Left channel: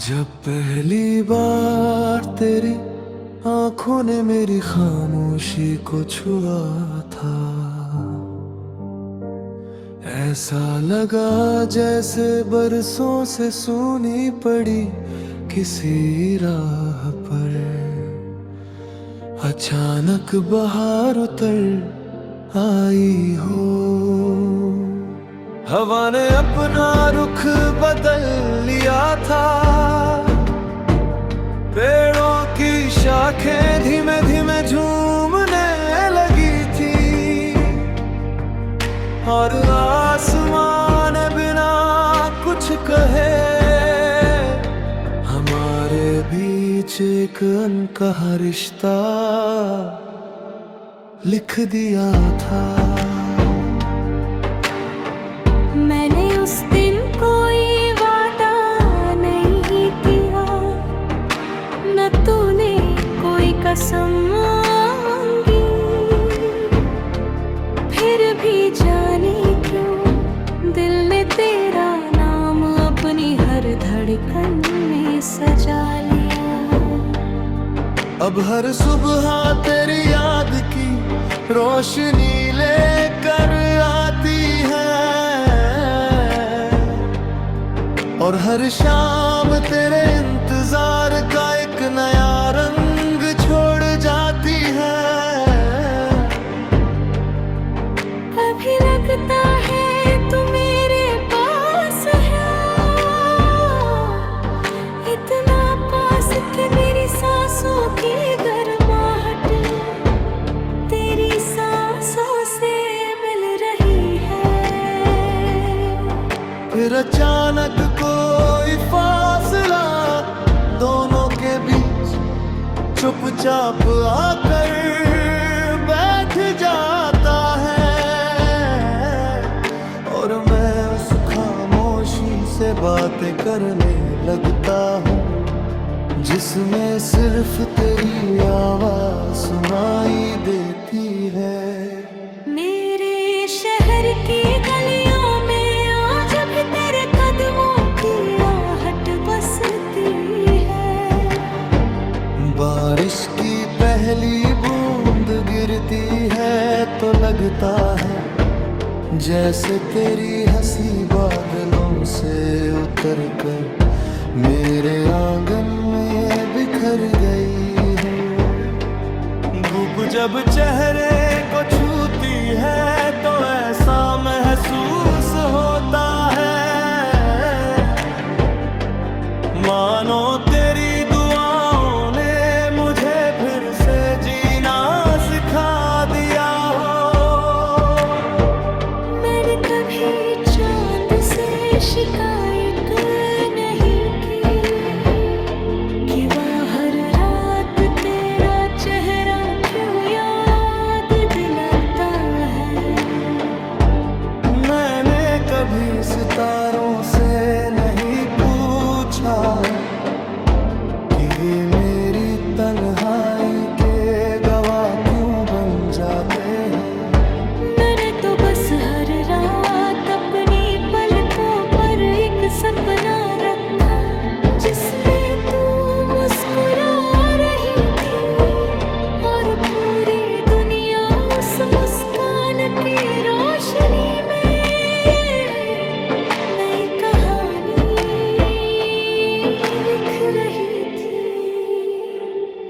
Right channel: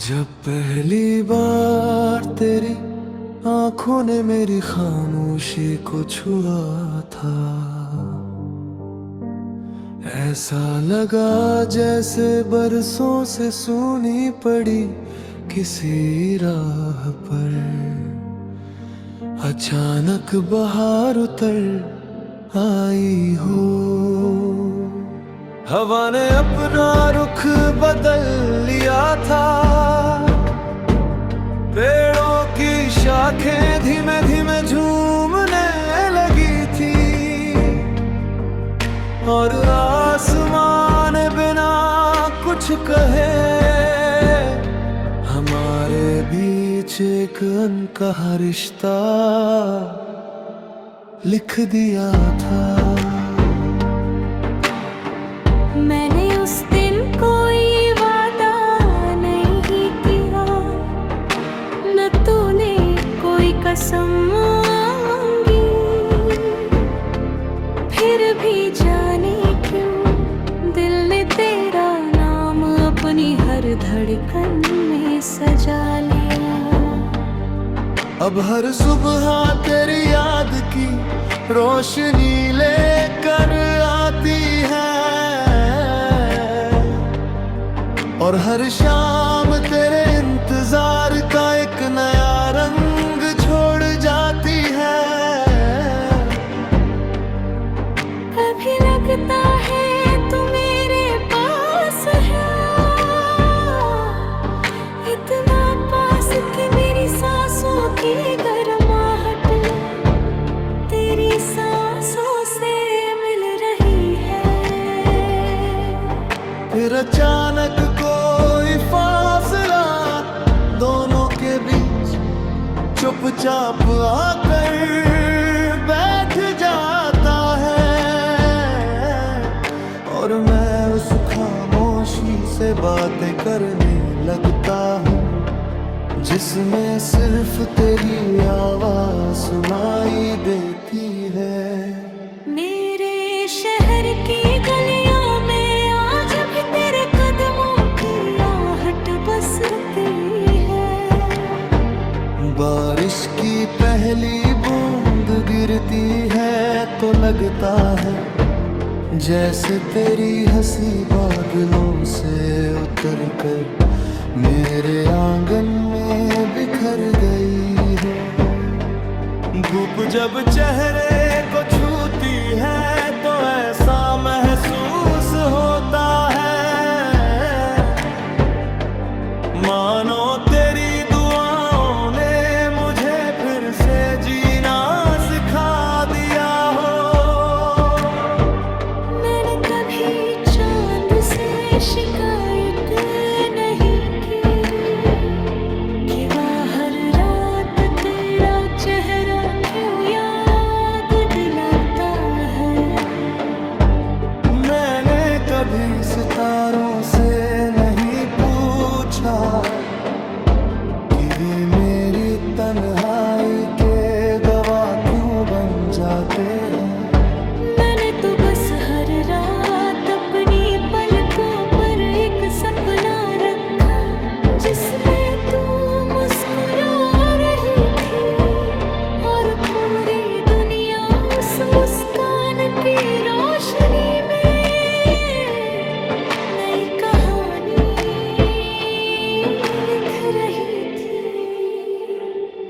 जब पहली बार तेरी आंखों ने मेरी खामोशी को छुआ था, ऐसा लगा जैसे बरसों से सूनी पड़ी किसी राह पर अचानक बहार उतर आई हो। हवा ने अपना रुख बदल लिया था, पेड़ों की शाखें धीमे धीमे झूमने लगी थी और आसमान बिना कुछ कहे हमारे बीच एक अनकहा रिश्ता लिख दिया था। मैंने उस दिन कोई वादा नहीं किया, न तूने कोई कसम मांगी, फिर भी जाने क्यों दिल ने तेरा नाम अपनी हर धड़कन में सजा लिया। अब हर सुबह तेरी याद की रोशनी लेकर आती है और हर शाम तेरे इंतजार का एक नया रंग छोड़ जाती है। कभी लगता है तू मेरे पास है, इतना पास कि मेरी सांसों की गर्माहट तेरी सांसों से मिल रही है। फिर अचानक कोई फासला दोनों के बीच चुपचाप आकर बैठ जाता है और मैं उस खामोशी से बातें करने लगता हूँ जिसमें सिर्फ तेरी आवाज सुनाई देती है। मेरे शहर की गलियों में आज भी तेरे कदमों की आहट बसती है। बारिश की पहली बूंद गिरती है तो लगता है जैसे तेरी हंसी बादलों से उतर कर मेरे आंगन में बिखर गई हो। धूप जब चेहरे को छूती है तो ऐसा महसूस होता है मानो तेरी दुआओं ने मुझे फिर से जीना सिखा दिया हो। मैंने कभी चांद से शिकायत नहीं की कि वह हर रात तेरा चेहरा क्यों याद दिलाता है। मैंने कभी सितारों से नहीं पूछा कि वे मेरी तन्हाई के गवाह क्यों बन जाते हैं। मैंने तो बस हर रात अपनी पलकों पर एक सपना रखा जिसमें तू मुस्कुरा रही थी और पूरी दुनिया उस मुस्कान की रोशनी में नई कहानी लिख रही थी।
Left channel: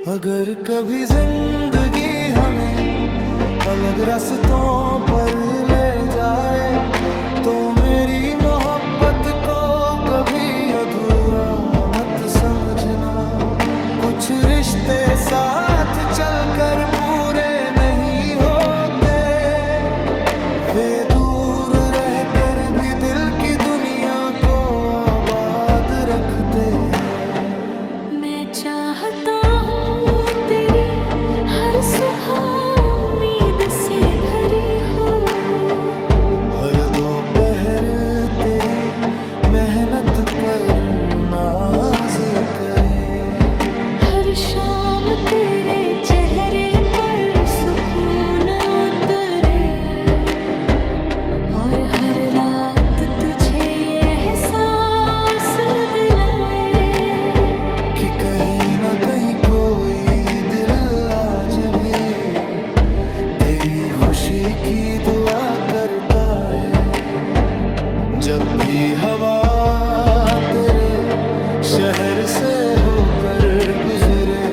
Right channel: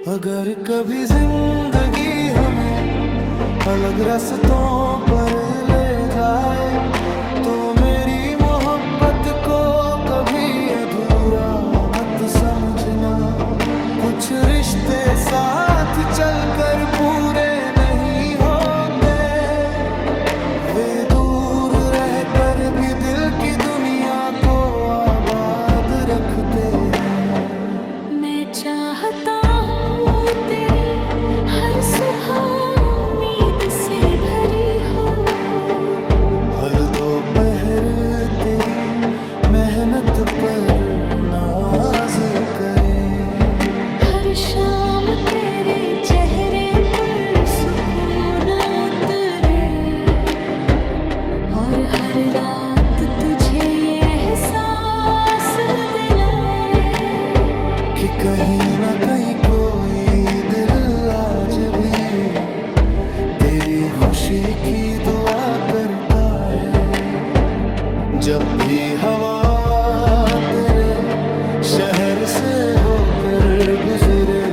अगर कभी जिंदगी हमें अलग रास्तों पर ले जाए तो मेरी मोहब्बत को कभी अधूरा मत समझना। कुछ रिश्ते साथ चलकर पूरे नहीं होते, वे दूर रहकर भी दिल की दुनिया को आबाद रखते हैं। मैं चाहता हूँ तेरी हर सुबह उम्मीद से भरी हो, हर दोपहर तेरी मेहनत पर नाज करें, हर शाम तेरे चेहरे पर सुकून उतरे और हर रात तुझे ये एहसास दिलाए कि कहीं ना कहीं कोई दिल आज भी तेरी खुशी की दुआ करता है। जब भी हवा तेरे शहर से होकर गुजरे,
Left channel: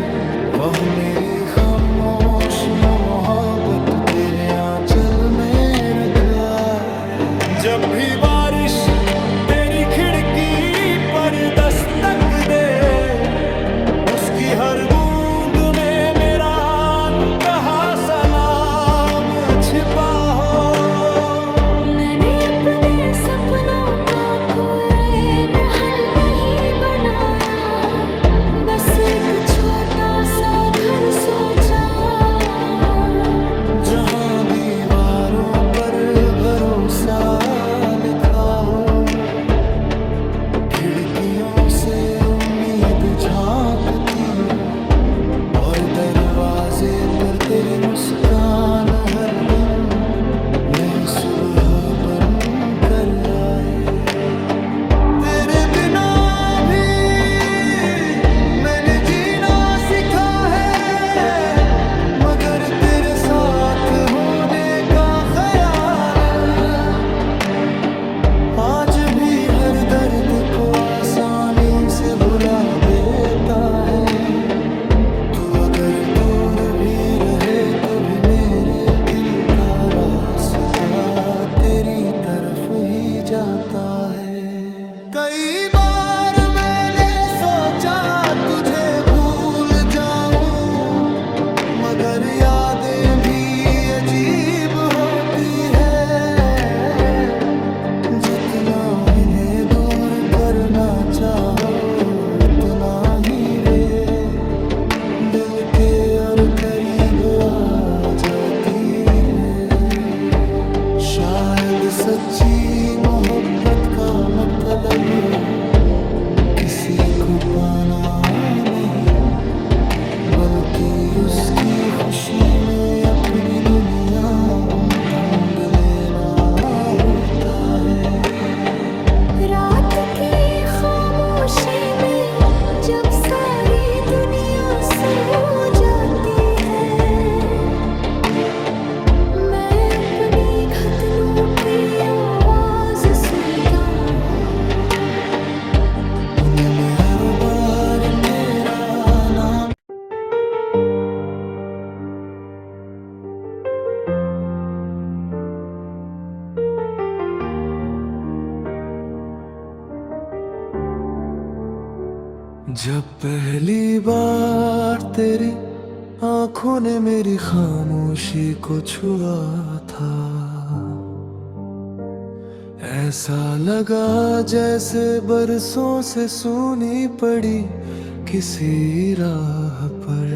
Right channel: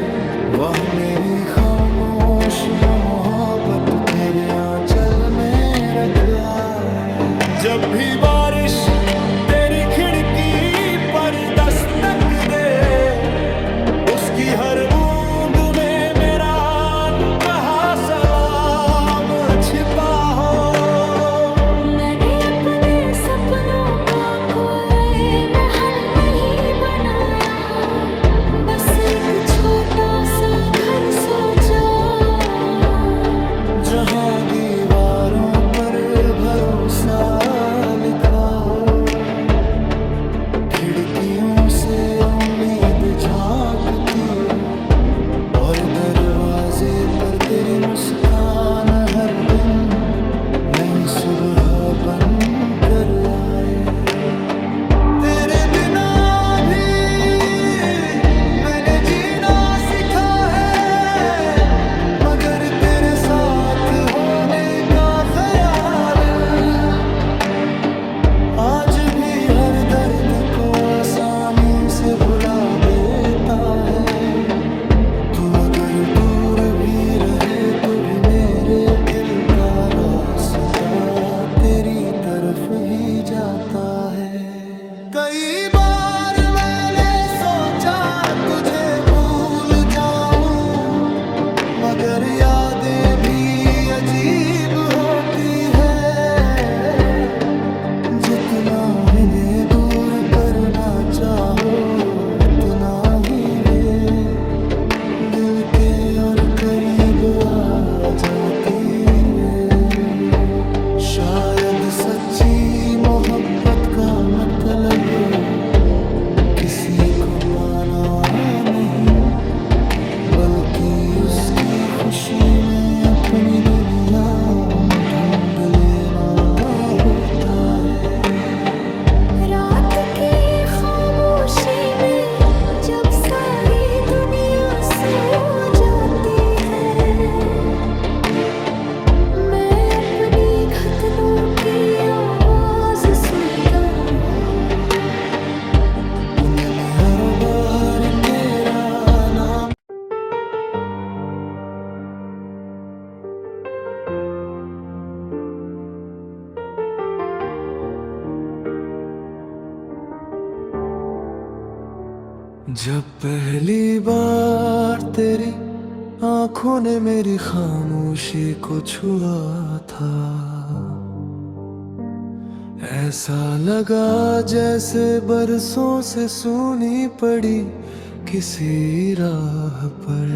वह मेरी खामोश मोहब्बत तेरे आंचल में रखा है। जब भी बारिश तेरी खिड़की पर दस्तक दे, उसकी हर बूंद में मेरा अनकहा सलाम छिपा हो। मैंने अपने सपनों का कोई महल नहीं बनाया, बस एक छोटा सा घर सोचा, जहां दीवारों पर भरोसा लिखा हो। खिड़कियों से उम्मीद झांकती हो, और दरवाजे पर तेरी मुस्कान हर दिन नई सुबह बन कर आए। तेरे बिना भी मैंने जीना सीखा है, मगर तेरे साथ होने का ख्याल आज भी हर दर्द को आसानी से भुला देता है। तू अगर दूर भी रहे तो भी मेरे दिल का रास्ता तेरी तरफ ही जाता है। कई बार मैंने सोचा तुझे भूल जाऊं, मगर यादें भी अजीब होती है। जितना इन्हें दूर करना चाहो, उतना ही वे दिल के और करीब आ जाती है। शायद सच्ची मोहब्बत का मतलब किसी को पाना नहीं, बल्कि उसकी खुशी में अपनी दुनिया ढूंढ लेना होता है। रात की खामोशी में जब सारी दुनिया सो जाती है, मैं अपनी घुटनों की आवाज सुनता हूँ। उनमें हर बार तेरा नाम जब पहली बार तेरी आंखों ने मेरी खामोशी को छुआ था, ऐसा लगा जैसे बरसों से सूनी पड़ी किसी राह पर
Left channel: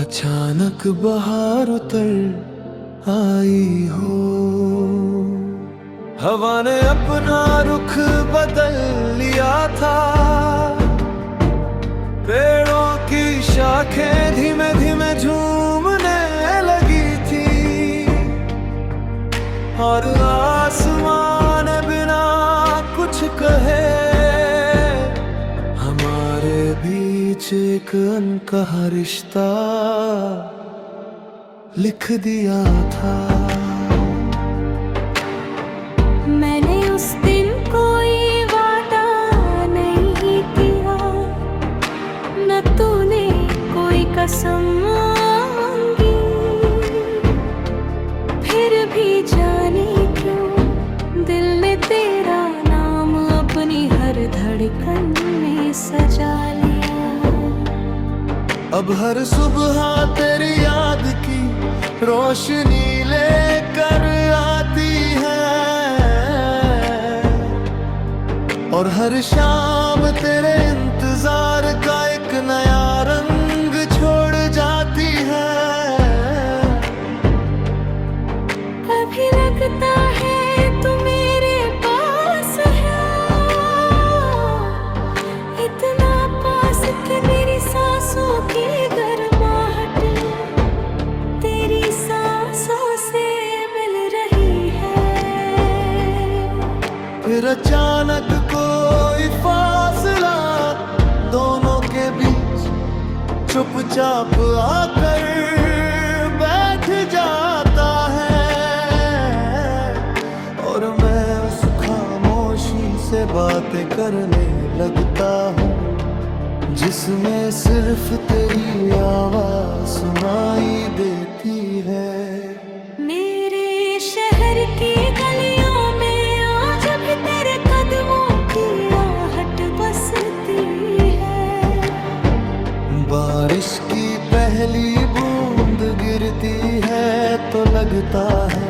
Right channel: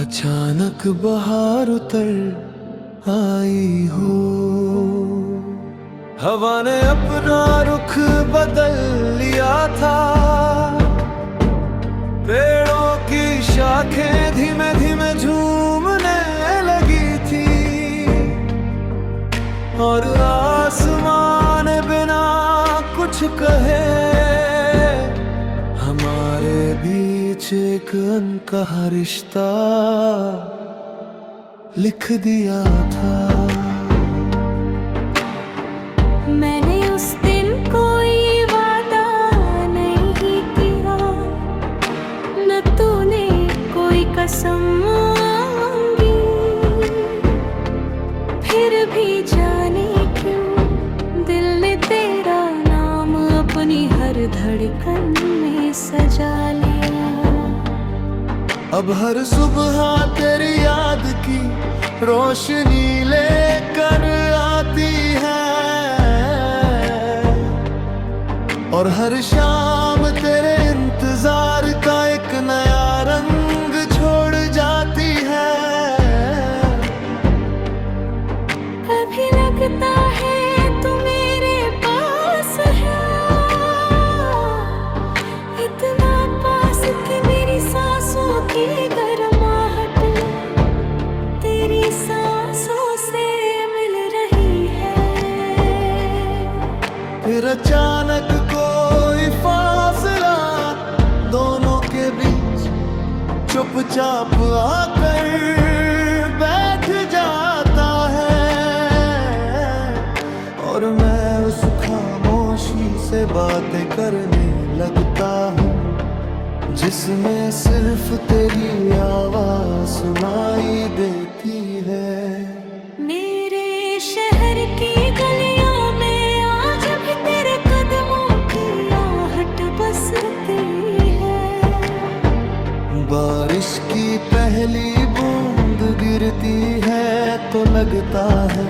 अचानक बहार उतर आई हो। हवा ने अपना रुख बदल लिया था, पेड़ों की शाखें धीमे धीमे झूमने लगी थी, और आसमान बिना कुछ कहे हमारे बीच एक अनकहा रिश्ता लिख दिया था। मैंने उस दिन कोई वादा नहीं किया, न तूने कोई कसम मांगी, फिर भी जाने क्यों दिल ने तेरा नाम अपनी हर धड़कन में सजा लिया। अब हर सुबह तेरी याद की रोशनी लेकर आती है, और हर शाम तेरे इंतजार का एक नया रंग छोड़ जाती है। कभी लगता है तू मेरे पास है, इतना पास कि मेरी सांसों की गर्माहट तेरी सांसों से मिल रही है। फिर अचानक कोई फासला के बीच चुपचाप आकर बैठ जाता है, और मैं उस खामोशी से बातें करने लगता हूँ जिसमें सिर्फ तेरी आवाज सुनाई देती है। मेरे शहर की गलियों में आज भी तेरे कदमों की आहट बसती है। बारिश की पहली बूंद गिरती है तो लगता है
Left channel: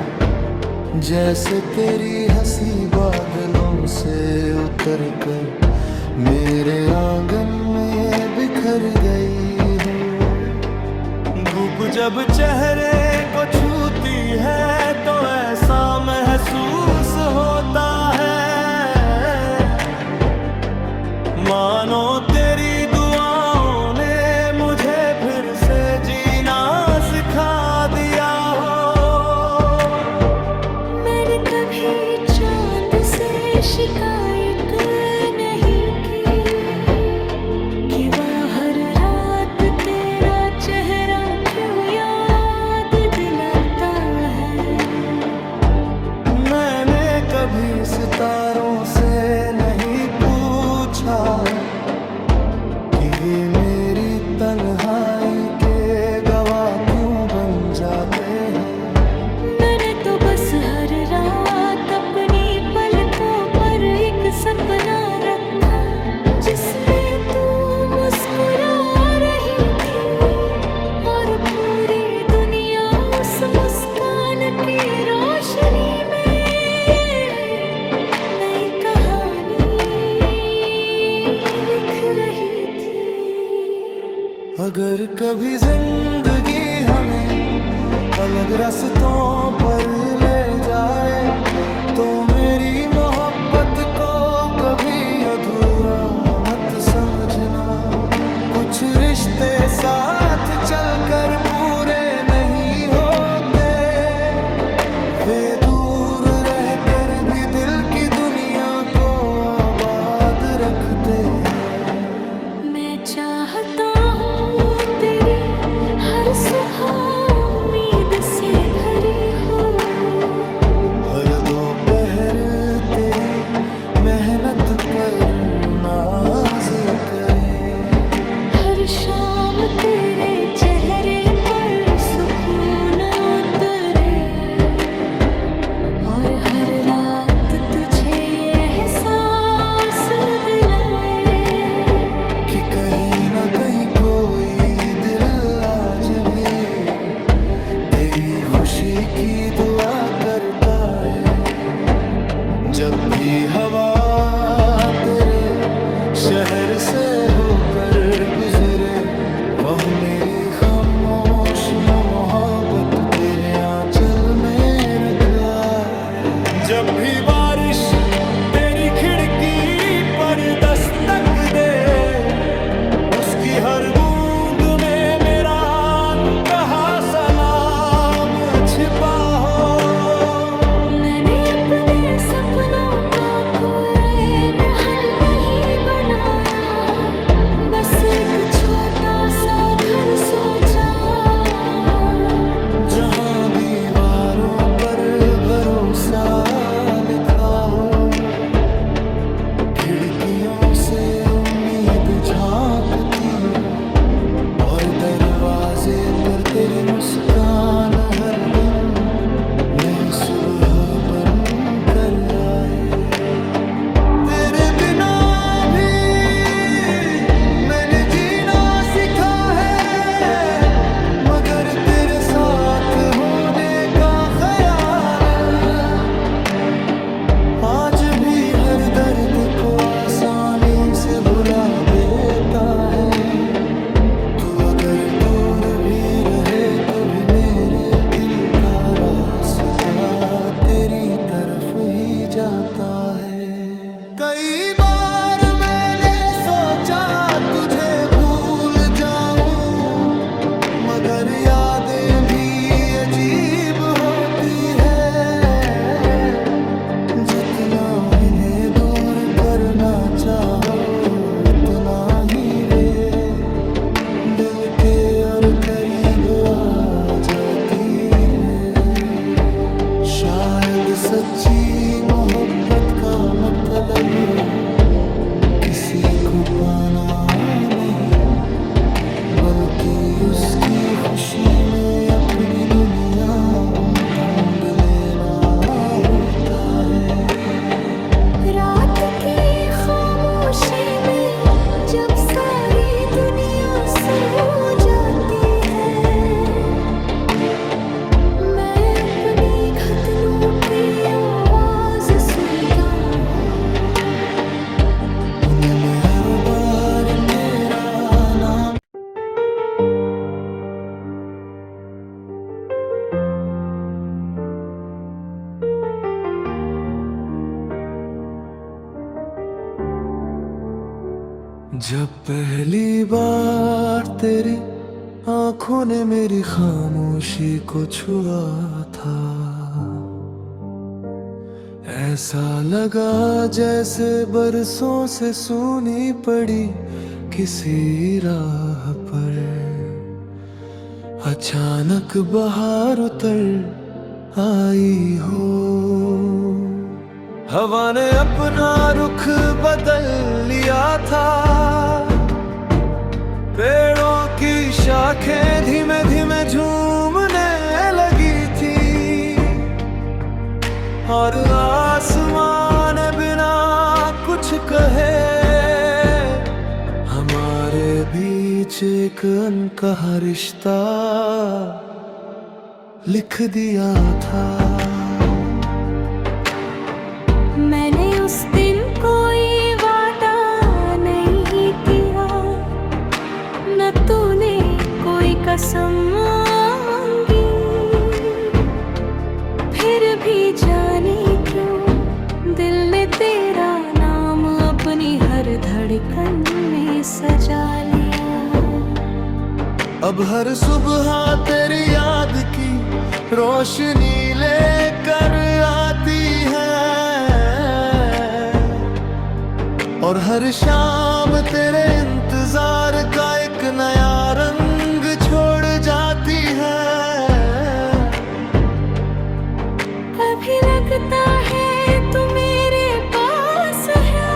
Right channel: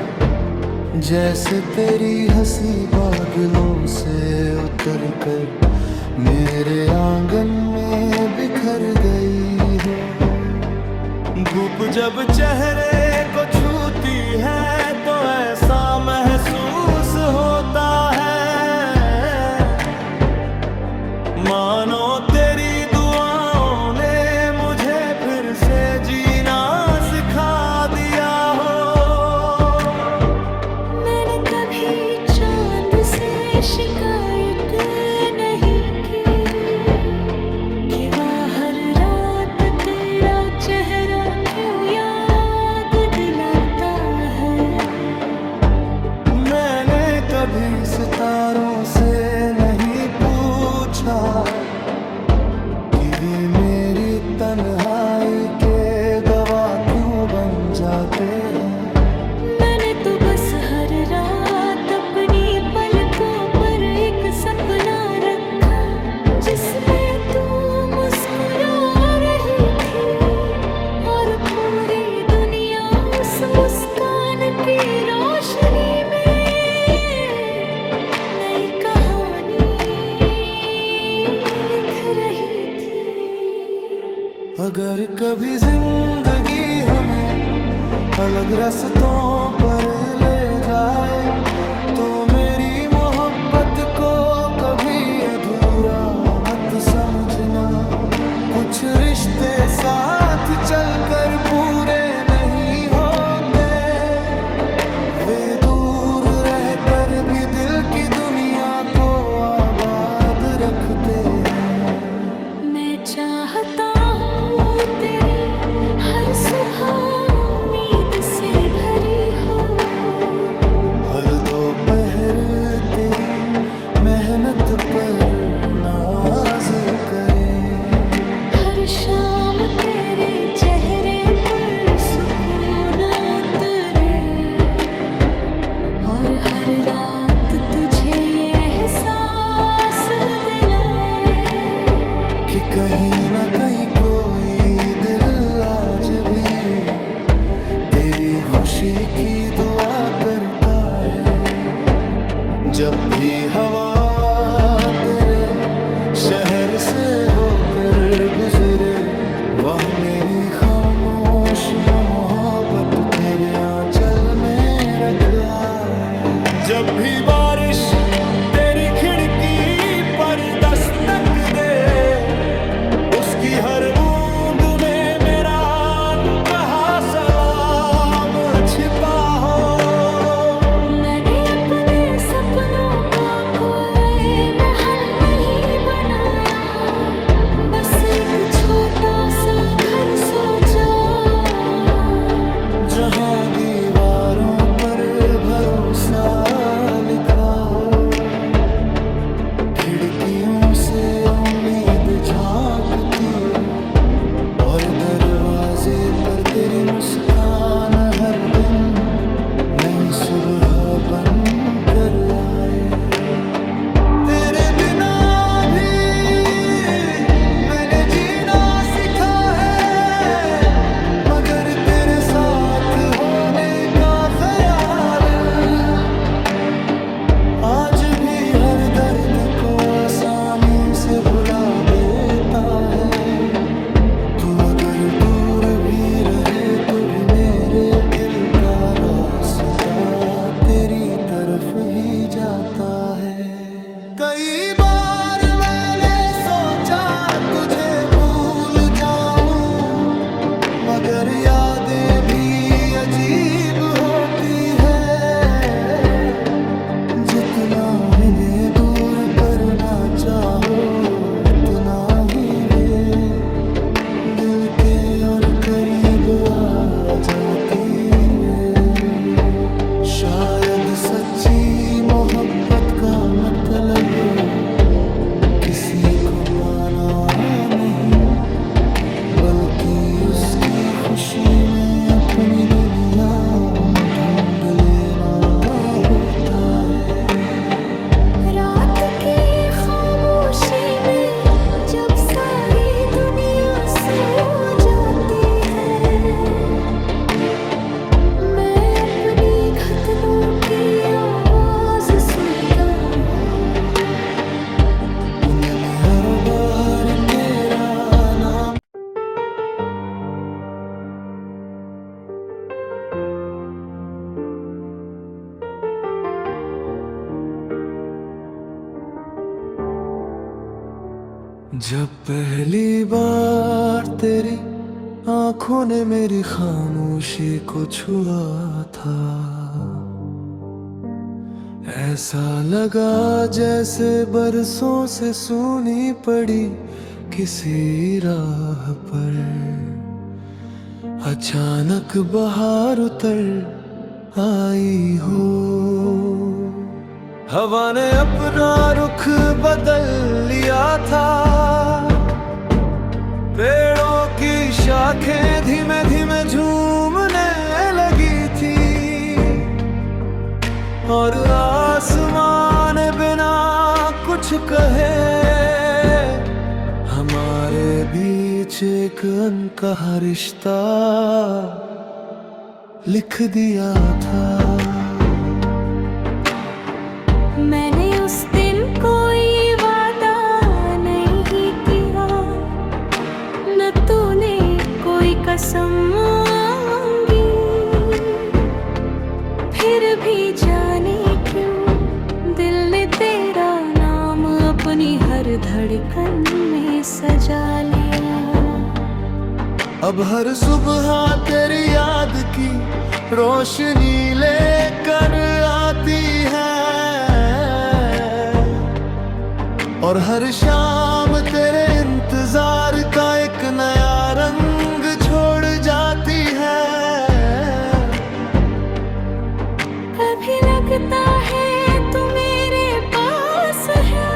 जैसे तेरी हंसी बादलों से उतर कर मेरे आंगन में बिखर गई हो। धूप जब चेहरे को छूती है तो ऐसा महसूस होता है मानो तेरी दुआओं ने मुझे फिर से जीना सिखा दिया हो। मैंने कभी चांद से शिकायत नहीं की कि वह हर रात तेरा चेहरा क्यों याद दिलाता है। मैंने कभी सितारों से नहीं पूछा कि वे मेरी तन्हाई के गवाह क्यों बन जाते हैं। मैंने तो बस हर रात अपनी पलकों पर एक सपना रखा जिसमें तू मुस्कुरा रही थी, और पूरी दुनिया उस मुस्कान की रोशनी में नई कहानी लिख रही थी। अगर कभी जिंदगी हमें अलग रास्तों पर ले जाए तो मेरी मोहब्बत को कभी अधूरा मत समझना। कुछ रिश्ते साथ चलकर पूरे नहीं होते, वे दूर रहकर भी दिल की दुनिया को आबाद रखते हैं। मैं चाहता हूँ तेरी हर सुबह उम्मीद से भरी हो, हर दोपहर तेरी मेहनत पर नाज करें, हर शाम तेरे चेहरे पर सुकून उतरे, और हर रात तुझे ये एहसास दिलाए कि कहीं ना कहीं कोई दिल आज भी तेरी खुशी की दुआ करता है। जब भी हवा तेरे शहर से होकर गुजरे, वह मेरी खामोश मोहब्बत तेरे आंचल में रखा है। जब भी बारिश तेरी खिड़की पर दस्तक दे, उसकी हर बूंद में मेरा अनकहा सलाम छिपा हो। मैंने अपने सपनों का कोई महल नहीं बनाया, बस एक छोटा सा घर सोचा जहां दीवारों पर भरोसा लिखा हो। खिड़कियों से उम्मीद झांकती हो, और दरवाजे पर तेरी मुस्कान हर दिन नई सुबह बन कर आए। तेरे बिना भी मैंने जीना सीखा है, मगर तेरे साथ होने का ख्याल आज भी हर दर्द को आसानी से भुला देता है। तू अगर दूर भी रहे तो भी मेरे दिल का रास्ता तेरी तरफ ही जाता है। कई बार मैंने सोचा तुझे भूल जाऊं, मगर यादें भी अजीब होती है। जितना इन्हें दूर करना चाहो उतना ही वे करीब आ जाती है। शायद सच्ची मोहब्बत का मतलब किसी को पाना नहीं, बल्कि उसकी खुशी में अपनी दुनिया ढूंढ लेना होता है। रात की खामोशी में जब सारी दुनिया सो जाती है, मैं अपनी घुटनों की आवाज सुनता हूँ। उनमें हर बार तेरा नाम जब पहली बार तेरी आंखों ने मेरी खामोशी को छुआ था, ऐसा लगा जैसे बरसों से सूनी पड़ी किसी राह पर अचानक बहार उतर आई हो। हवा ने अपना रुख बदल लिया था, पेड़ों की शाखें धीमे धीमे झूमने लगी थी, और आसमान बिना कुछ कहे हमारे बीच एक अनकहा रिश्ता लिख दिया था। मैंने उस दिन कोई वादा नहीं किया, न तूने कोई कसम मांगी, फिर भी जाने क्यों दिल ने तेरा नाम अपनी हर धड़कन में सजा लिया। अब हर सुबह तेरी याद की रोशनी लेकर आती है, और हर शाम तेरे इंतजार का एक नया रंग छोड़ जाती है। कभी लगता है तू मेरे पास है,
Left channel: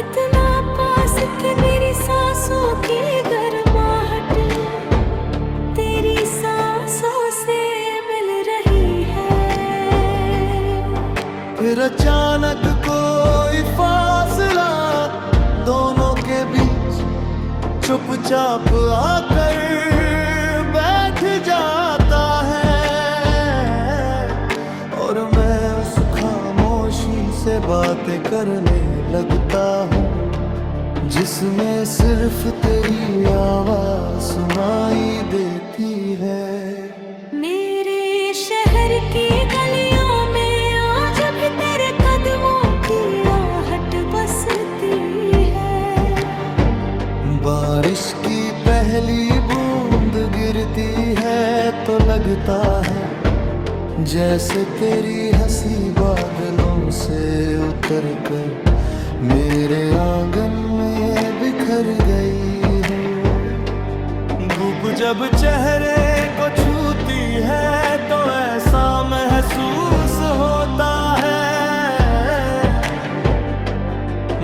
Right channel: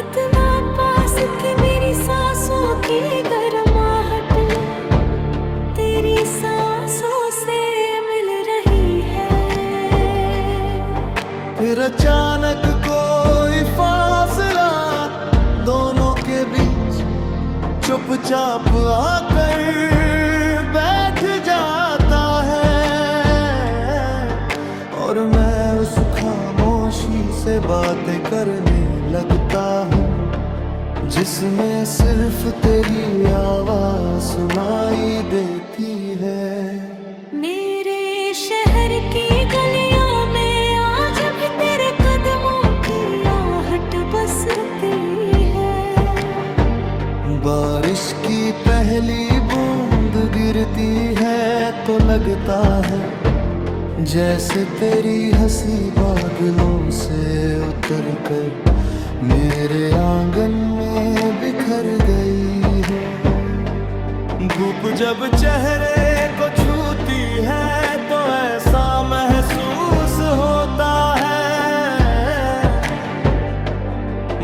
इतना पास कि मेरी सांसों की गर्माहट तेरी सांसों से मिल रही है। फिर अचानक कोई फासला दोनों के बीच चुपचाप आकर बैठ जाता है, और मैं उस खामोशी से बातें करने लगता हूँ जिसमें सिर्फ तेरी आवाज सुनाई देती है। मेरे शहर की गलियों में आज भी तेरे कदमों की आहट बसती है। बारिश की पहली बूंद गिरती है तो लगता है जैसे तेरी हंसी बादलों से उतर कर मेरे आंगन में बिखर गई हो। धूप जब चेहरे को छूती है तो ऐसा महसूस होता है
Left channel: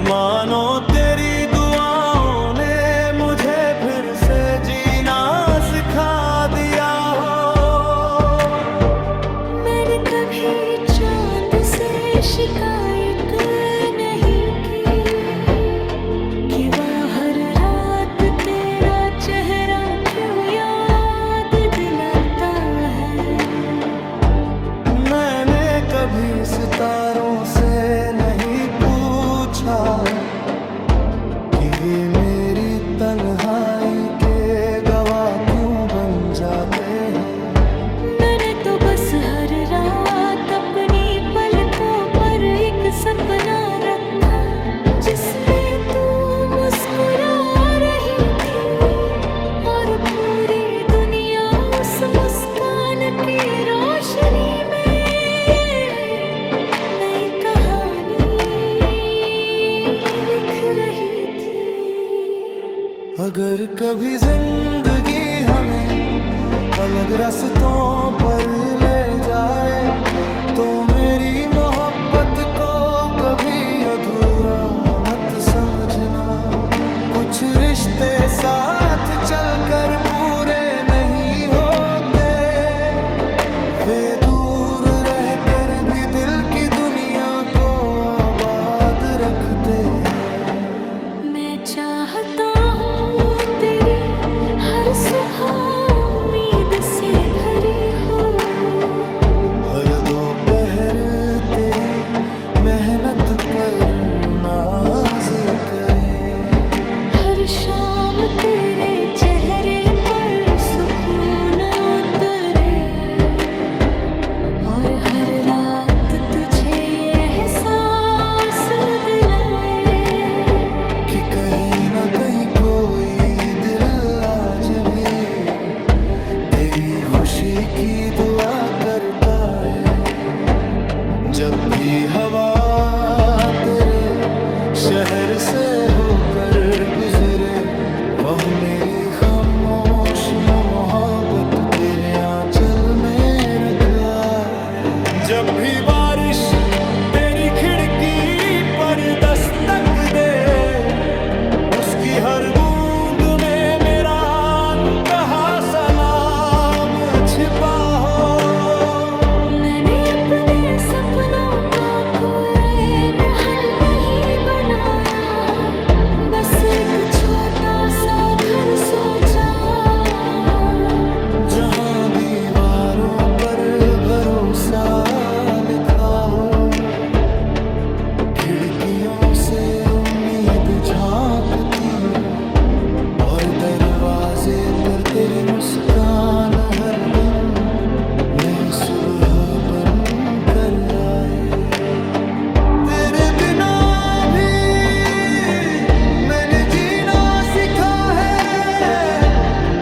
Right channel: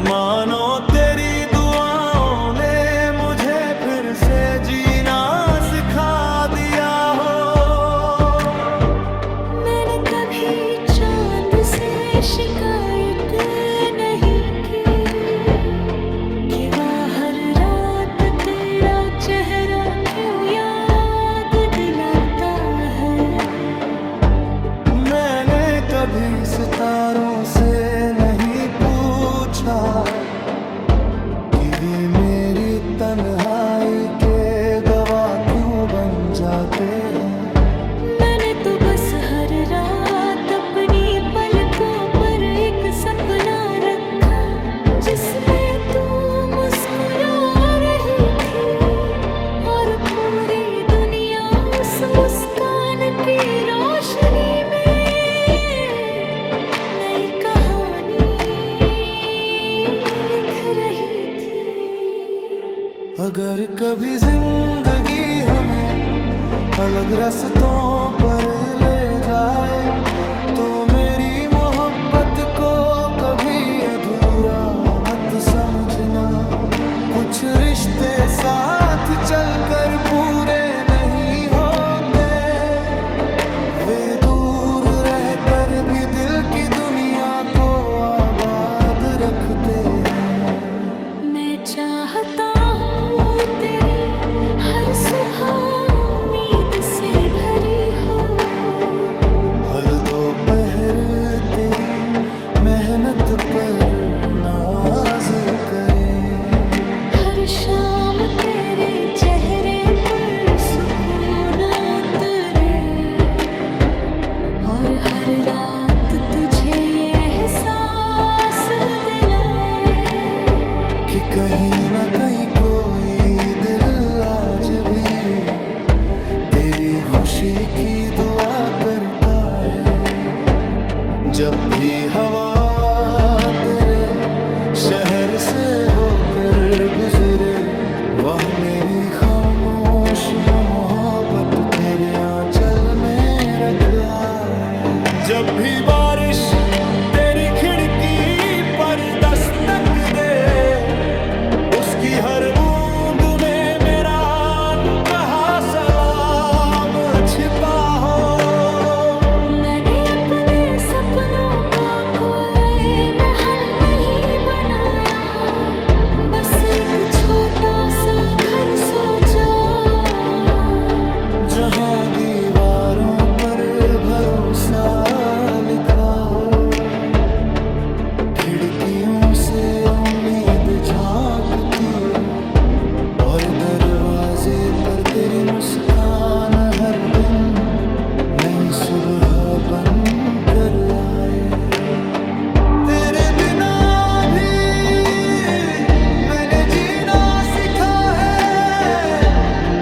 मानो तेरी दुआओं ने मुझे फिर से जीना सिखा दिया हो। मैंने कभी चांद से शिकायत नहीं की कि वह हर रात तेरा चेहरा क्यों याद दिलाता है। मैंने कभी सितारों से नहीं पूछा कि वे मेरी तन्हाई के गवाह क्यों बन जाते हैं। मैंने तो बस हर रात अपनी पलकों पर एक सपना रखा जिसमें तू मुस्कुरा रही थी और पूरी दुनिया उस मुस्कान की रोशनी में नई कहानी लिख रही थी। अगर कभी जिंदगी हमें अलग रास्तों पर ले जाए तो मेरी मोहब्बत को कभी अधूरा मत समझना। कुछ रिश्ते साथ चलकर पूरे नहीं होते, वे दूर रहकर भी दिल की दुनिया को आबाद रखते हैं। मैं चाहता हूँ तेरी हर सुबह उम्मीद से भरी हो, हर दोपहर तेरी मेहनत पर नाज करें, हर शाम तेरे चेहरे पर सुकून उतरे, और हर रात तुझे ये एहसास दिलाए कि कहीं ना कहीं कोई दिल आज भी तेरी खुशी की दुआ करता है। जब भी हवा तेरे शहर से होकर गुजरे, वह मेरी खामोश मोहब्बत तेरे आंचल में रखा है। जब भी बारिश तेरी खिड़की पर दस्तक दे, उसकी हर बूंद में मेरा अनकहा सलाम छिपा हो। मैंने अपने सपनों का कोई महल नहीं बनाया, बस एक छोटा सा घर सोचा, जहां दीवारों पर भरोसा लिखा हो, खिड़कियों से उम्मीद झांकती हो, और दरवाजे पर तेरी मुस्कान हर दिन नई सुबह बन कर आए। तेरे बिना भी मैंने जीना सीखा है,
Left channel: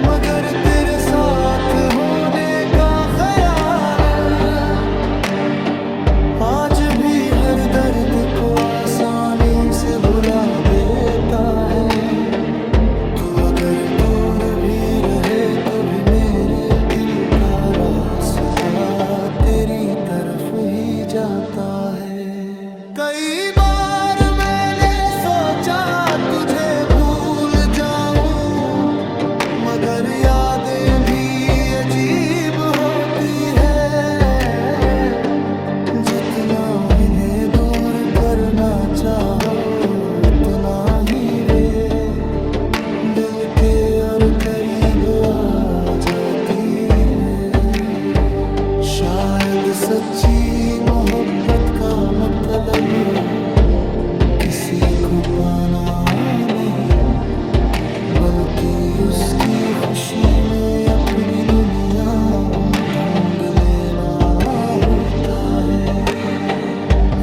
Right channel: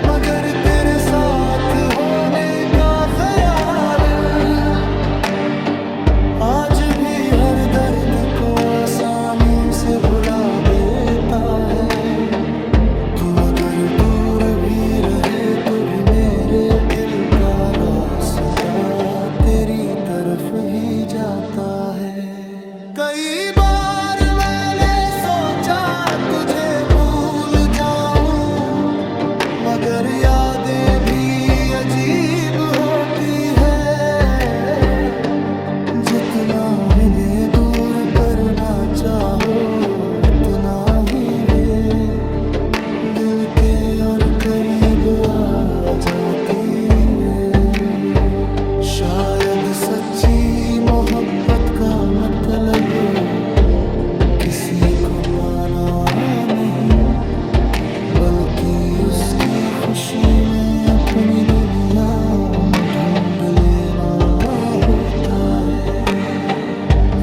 मगर तेरे साथ होने का ख्याल आज भी हर दर्द को आसानी से भुला देता है। तू अगर दूर भी रहे तो भी मेरे दिल का रास्ता तेरी तरफ ही जाता है। कई बार मैंने सोचा तुझे भूल जाऊं, मगर यादें भी अजीब होती है। जितना इन्हें दूर करना चाहो उतना ही वे दिल के और करीब आ जाती है। शायद सच्ची मोहब्बत का मतलब किसी को पाना नहीं, बल्कि उसकी खुशी में अपनी दुनिया ढूंढ लेना होता है।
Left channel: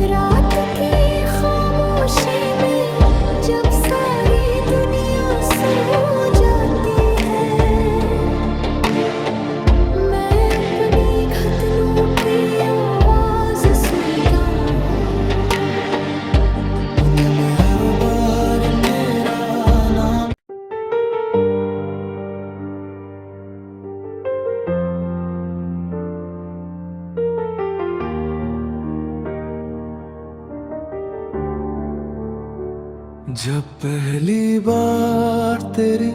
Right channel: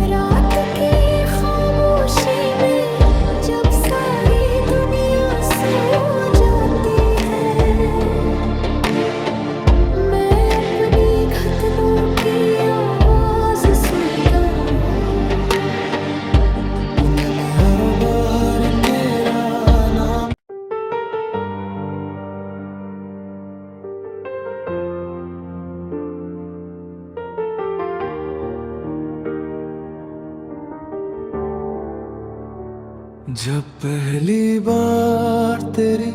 रात की खामोशी में जब सारी दुनिया सो जाती है, मैं अपनी खतनों की आवाज सुनता हूँ, उनमें हर बार तेरा नाम। जब पहली बार तेरी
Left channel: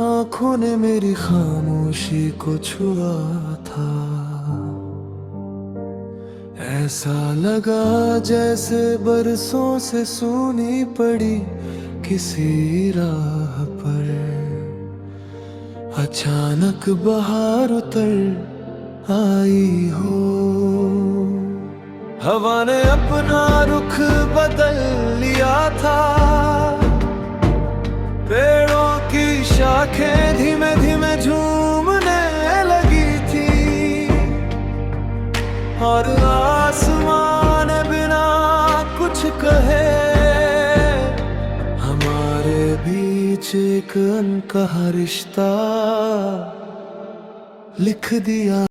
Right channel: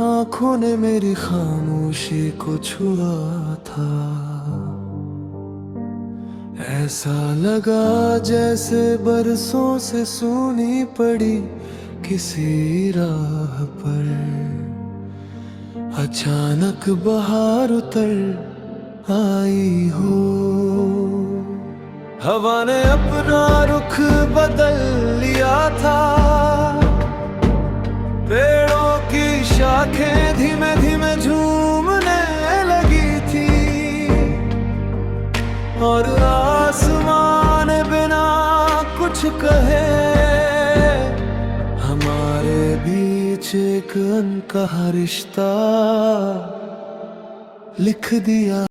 आंखों ने मेरी खामोशी को छुआ था, ऐसा लगा जैसे बरसों से सूनी पड़ी किसी राह पर अचानक बहार उतर आई हो। हवा ने अपना रुख बदल लिया था, पेड़ों की शाखें धीमे धीमे झूमने लगी थी, और आसमान बिना कुछ कहे हमारे बीच एक अनकहा रिश्ता लिख दिया।